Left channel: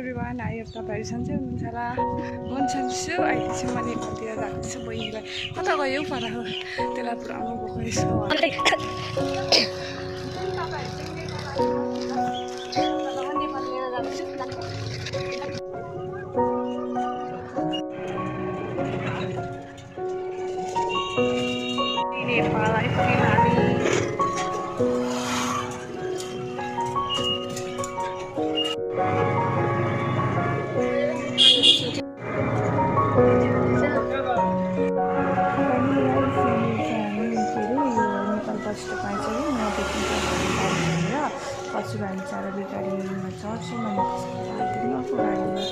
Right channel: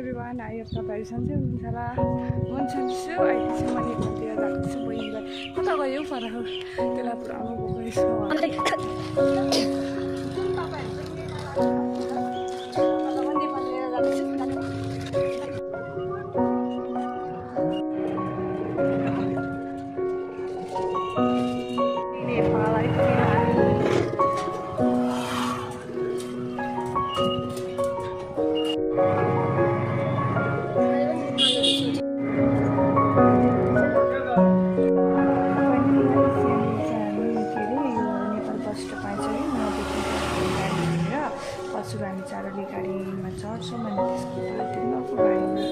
Everyone, I hope तपाईँहरू सन्चै हुनुहुन्छ होला। म सन्चै छु। अहिले चाहिँ मैले घरतिर जाँदैछु बहिनीलाई कता गयो पर हो त्यसलाई पुऱ्याउनु गएको रहेछ। नेपाल आइपुग्यौँ हामी। बस तपाईँ चाहिँ यहाँदेखि गाडी गरेर पशु हामी चारवटा गाडीमा चढ्छौँ अनि त्यसको बाददेखि अर्को गाडीमा।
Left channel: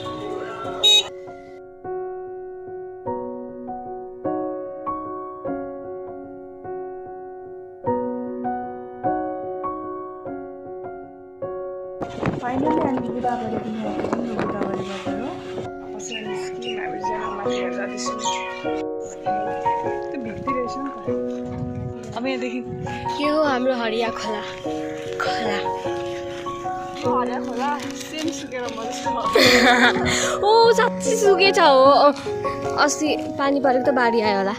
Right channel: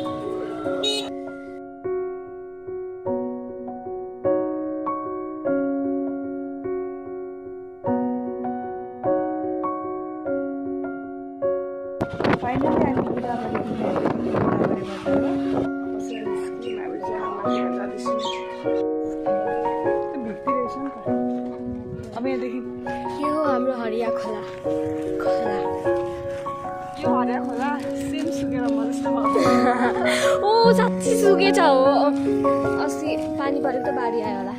फाइनली हामी गोदावरीदेखि आइपुग्यौँ। गोदावरीबाट हो पछि हामी स्किम हामी चाहिँ माथि जाँदैछौँ। त्यो भित्ती रहेछ नि त। अब यहाँदेखि यो हो हाम्रो हरिया खोला। यो हरिया खोला सेम सुकेर मर्छ। ओ साँच्चै सुकेछ हो। अस्ति पानी परेको त बाढी आयो होला।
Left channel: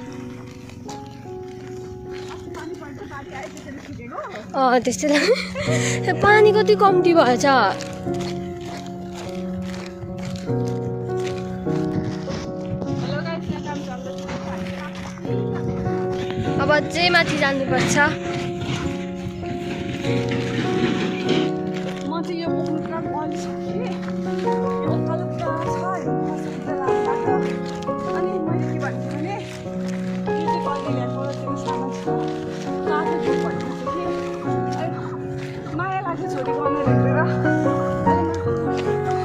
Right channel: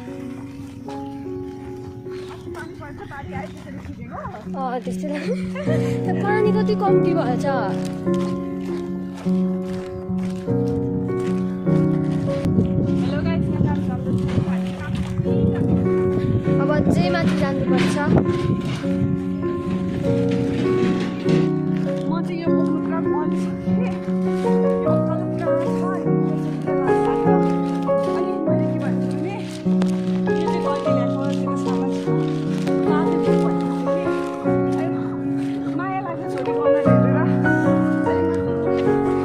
त्यस्तै पानी कति कम्ती भएछ। अब अझै माथि जानुपर्छ। म चाहिँ यो बोक्नु पुरा गलिसकेँ। यो उकालो पुरा छ अनि मैले के भन्छु भने यो चाहिँ कहिले ल्याएको त्यो सामान छ आफू भन्छु कि माया लाग्छ छोरी बनाएर हेरेर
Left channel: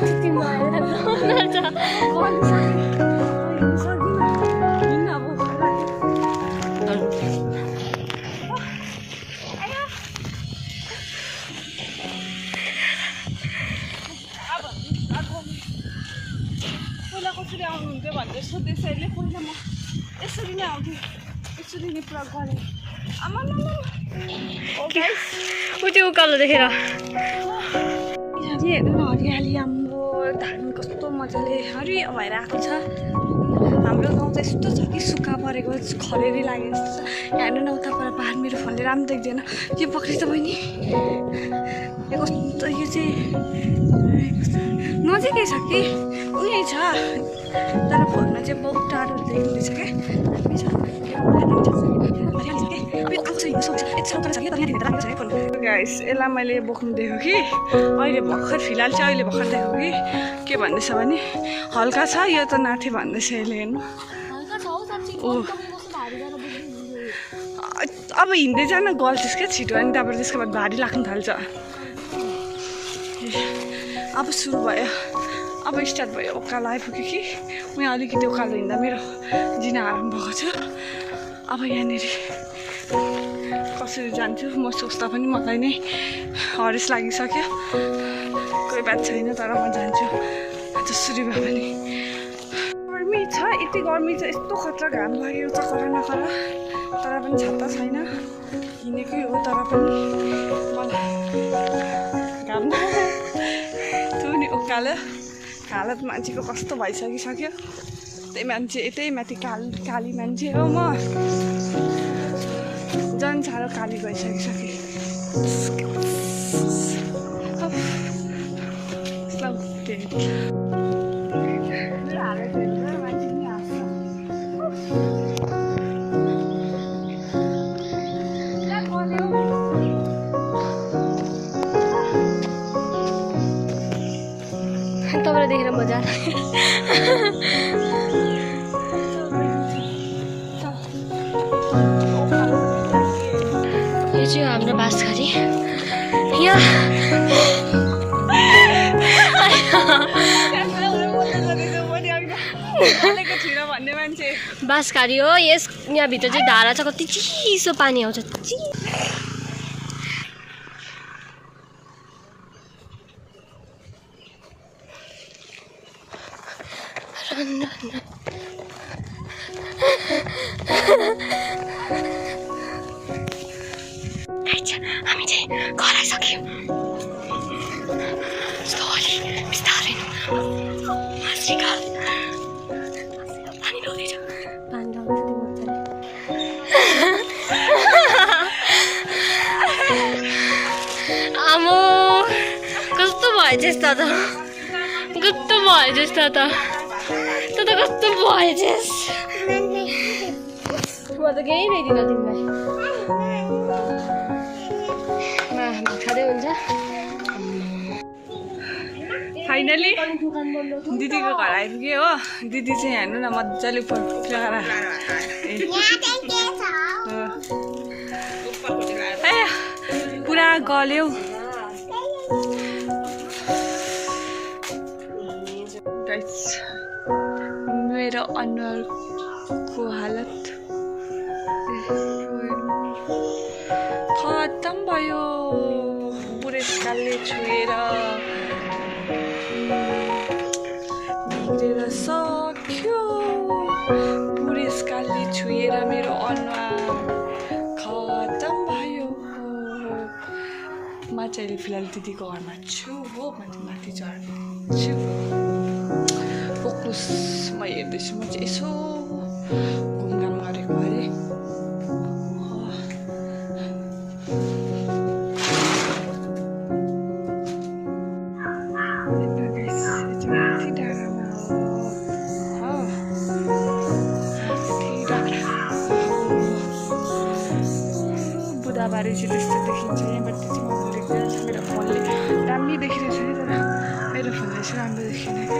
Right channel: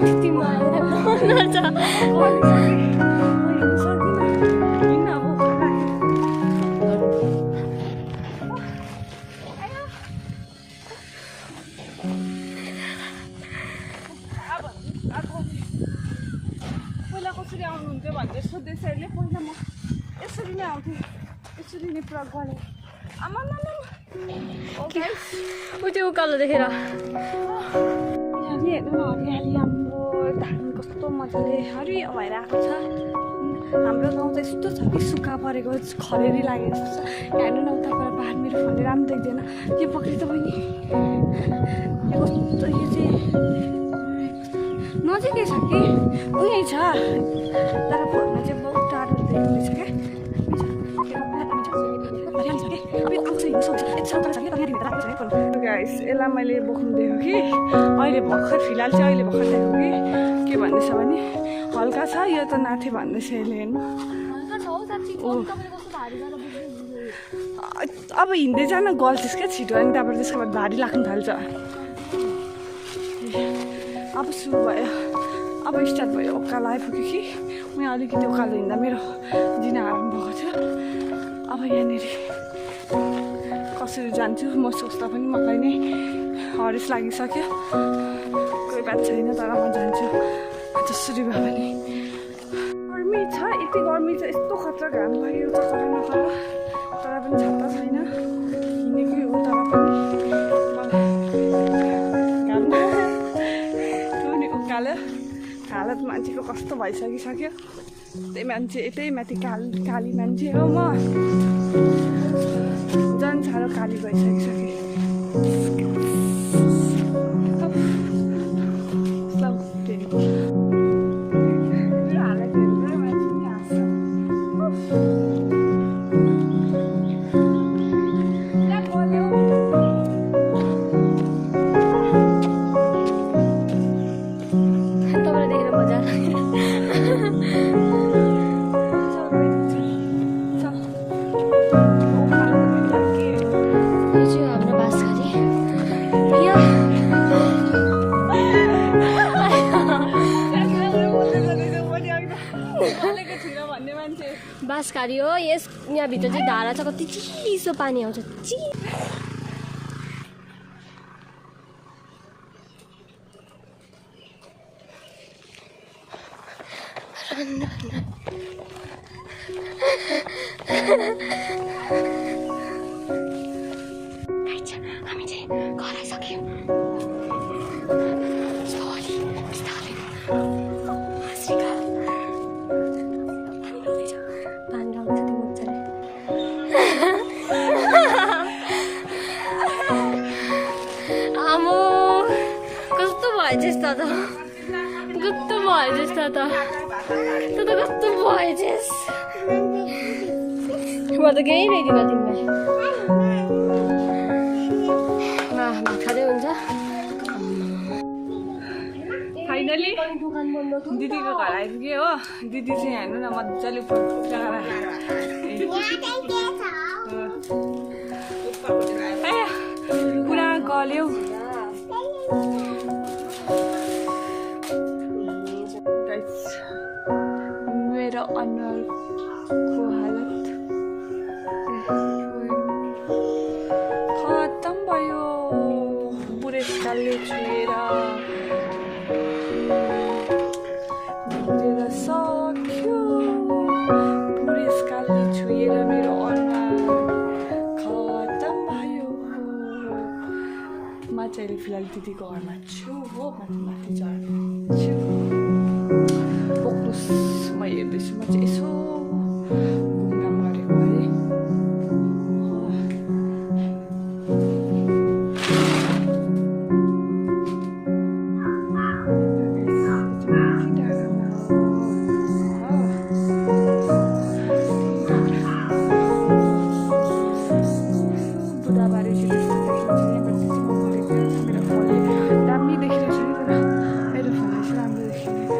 यति माया गलिसकेँ। हिँड्नु सकिनँ हिँड्न अब पहिला कसरी आउनुहुन्थ्यो भनेर सोध्दैछ। पहिला म यसरी नै आउँथेँ, यसरी नै पुरा गलेँ। आमा उठ्यो उकालो देखेर। हेर्नु न हरियाली हाम्रो धान कस्तो मजाले हरियो भएर आएको छ। हाम्रो गाउँ चाहिँ यस्तो छ कि सुक्खा परेको खरेरी लागेको जस्तो छ। हेर्नु न उता पर पहाड मेरो फोनले राम्रो देख्दैन। यो पक्री त बहिनी यो कस्तो यो चाहिँ नजिकै छ कि उही छ तर फोनमा चाहिँ बहुत टाढो देखिँदैछ क्या। गाइस यसलाई मैले बोक्नु देखेँ कि अहिले भर्खर फिलहाल चाहिँ अहिले भर्खर देखेँ कि के भन्दैछ भने हल्का छ यो त नाथे भन्दैछ यसले। हेर्नु अब हिँड्दै जान गल्छस् क्या छिटो अनि त्यहाँबाट त्यसको बाद भारी लाग्नु थाल्छ। अब सुरु भयो, अब स्टार्ट भयो। उकालो आइपुग्यो कि म अलिकति उकालो हिँड्दा मेरो जिना आराम भएको छ। अब यहाँनिर कसरी जान्छु म सोच्दा पनि मलाई नै हरेस लागिसक्यो। कोही बात छैन तर म जान्छु जसरी भए पनि। गर्मी छ यति गर्मी छ यस्तो खतरा घाम लागेको छ खरा नखरा तर पनि छाता छैन हिँडेकै हो तर पनि मलाई घाम त्यो नि उकालो हालत मान्छेको कस्तो भइसकिसक्यो। त्यही मान्छे यतै माथि काली मान्छे हो म झन् साह्रो काली भइसकिसकेँ। तपाईँलाई देखेर मजा यो चाहिँ हाम्रो बाँसघारी। बाँसघारी हो। यहाँभित्र चाहिँ धारा छ कति चिसो पानी आउँछ। हामी चाहिँ घर आइसक्यौँ। बिस्तारै पानी लाउँदैछ त्यो मजाले आमो कस्तो भएछस् त कस्तो भएछस् त कस्तो भएछस् म त केही ल्याइदिन तिमीलाई भात खाँदै हुन्छ फाइनली दिदीको घर आइपुग्यो हो दिदी चाहिँ हेर्नु न मजाले पुरा गल्यो मेरो अनुहारको हालत खतम भयो बुढेसकालले छुएर बिग्रेर सक्यो बुढेसकालले छुएर मेरो अनुहार खतम भयो म चाहिँ फिलहाल दिदीको घरमा छु हो म चाहिँ माथि चढ्छु फोकस म हेर्दैछु म चाहिँ यसो घुमघाम गरेको अरे बुधबारे चाहिँ त्यस्तो देखिन्छ यहाँबाट चाहिँ मजाले देखिरहेको मेरो फोनले दामी देखिरहेको छ नि तर मेरो फोनले चाहिँ राम्रो देखिएन क्या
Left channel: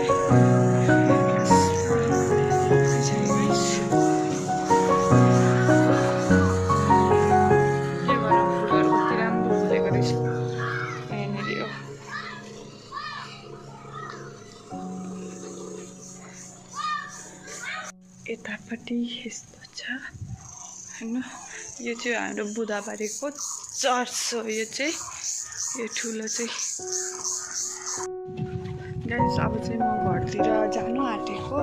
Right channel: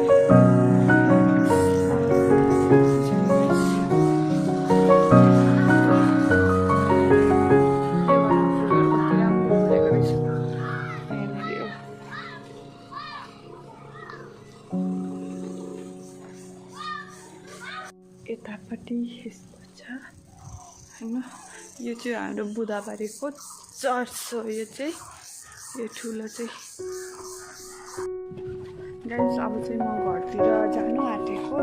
यो भनौँ फुलहरू कति राम्रो फुलेको रहेछ यहाँनिर हो यतापट्टि यस्तो छ होइन यो चाहिँ हाम्रो बुधबारेको चर्च हो यो चाहिँ यो ठुलो चाहिँ गाइस अब चाहिँ म घरतिर जानु आँटेको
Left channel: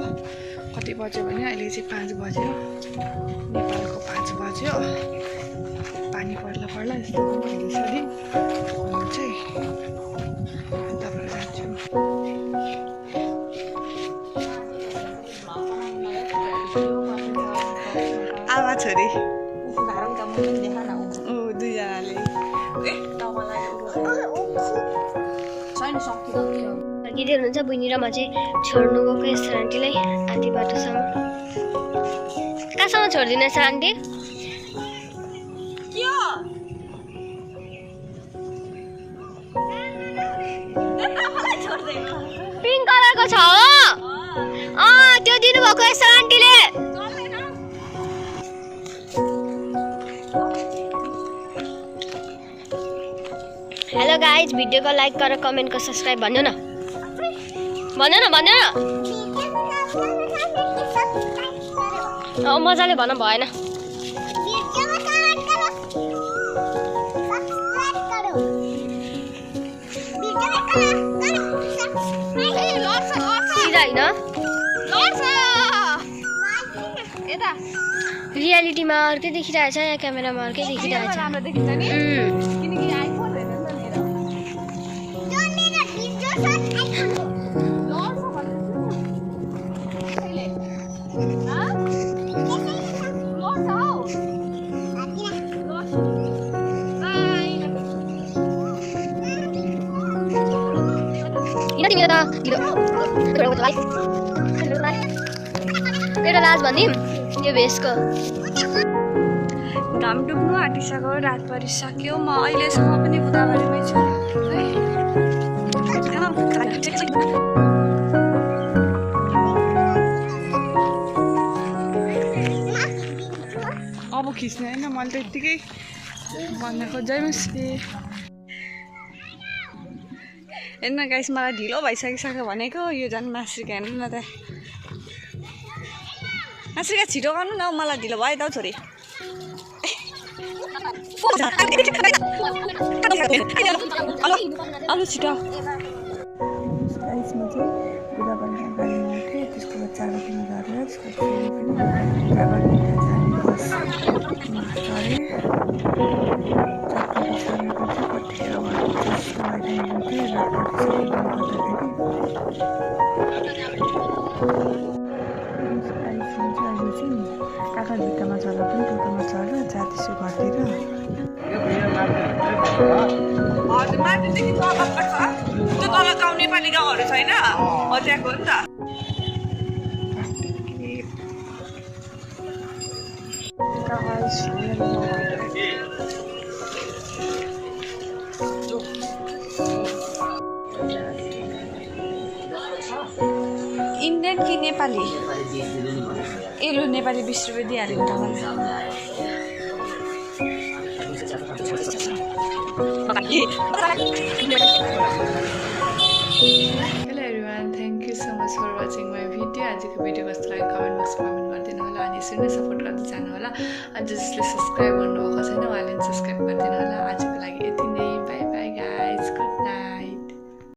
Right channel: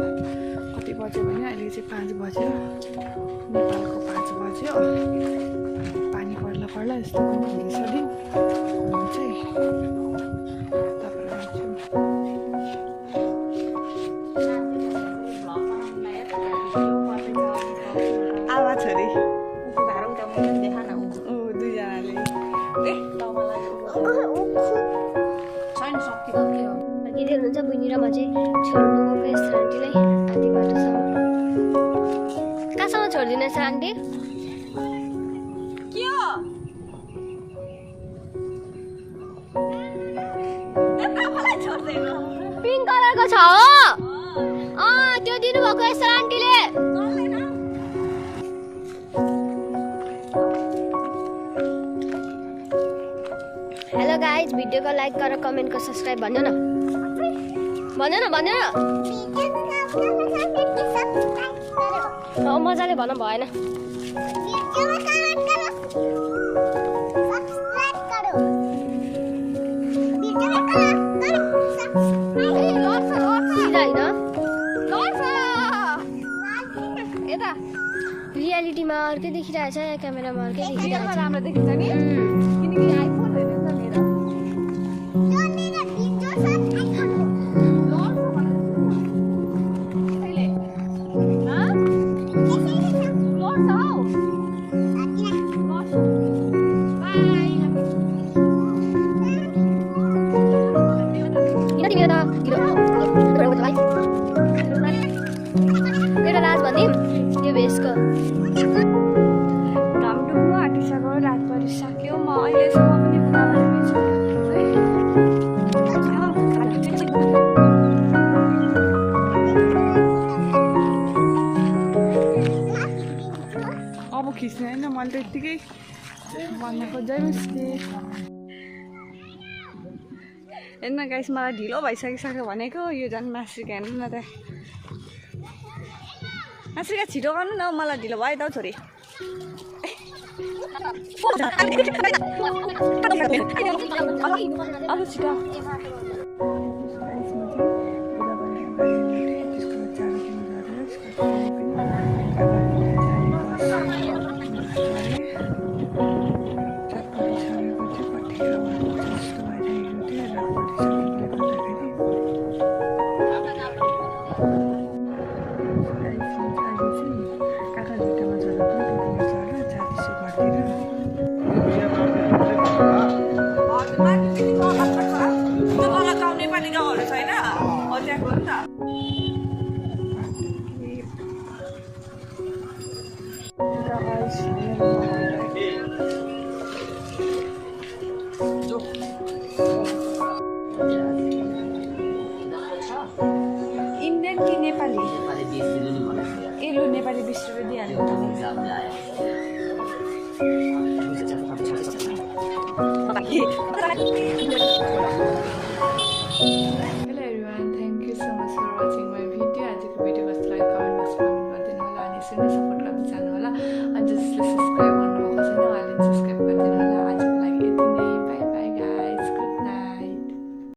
कति बज्यो भने अहिले चाहिँ 5 बज्यो नेपालको 5 बज्यो पानी पर्ला पर्ला यस्तो हुँदैछ दिन चाहिँ तपाईँ जान्छु आमा छोरी दुईजनाले फर्किँदै हुनुहुन्छ बहिनी र म चाहिँ छोड्नु गएको यस्तो आन्टीलाई आधी बाटोसम्म कहाँसम्म छोडिदिनु छ आन्टी पिङ्क कलरको छ हो त्यो दिनुभएको यस्तो आन्टीले हेलो गाइज भिडियोको लाइक गरेर कमेन्टको सब्सक्राइब भन्नु न मजाले भन भएन रियालिटीमा अर्कै देखिरहेछ यहाँ क्यामेरामा अर्कै देखिरहेछ एउटा लाज भनिदिउँ यो भेषको घाम डुब्नु आँटिसक्यो रात परिसक्यो म अहिलेसम्म पनि बुधबारेमै छु अब खिच्ने होइन मैले त यत्तिकै भन्न खोजेँ हेर्न गाइस मलाई ढिलो भइसकिसक्यो भनेको यो झन् मासुका हेर्नु न त मासुका छिटो गर्नु न मलाई ढिलो भयो त छोरी अलु छिटो गाइस म चाहिँ बुधबारको गाडीमा थिएँ त्यसको बाद 4 दिन गरेर त्यसको पनि कतिखेर काका भित्तामा चढ्दा पनि टोटोमा चढ्दा जाँदैछु घरतिर माथिदेखि त्यो तल गाउँ नेपाली गाउँहरू छैन हो त्यहाँको हो नि त इन्डियन कि नेपाली एलो नेपाली 20 रुपियाँ दिइहालेको तपाईँलाई hello everyone thank you so much for watching my video आजको भिडियो कस्तो लाग्यो कमेन्ट बक्समा कमेन्ट गरिदिनु होला अनि यसरी नै सपोर्ट गर्दै जानु होला अनि जसले सब्सक्राइब गर्नुभएको छैन उहाँले सब्सक्राइब गरिदिनु होला आजको लागि यति नै by by guys good night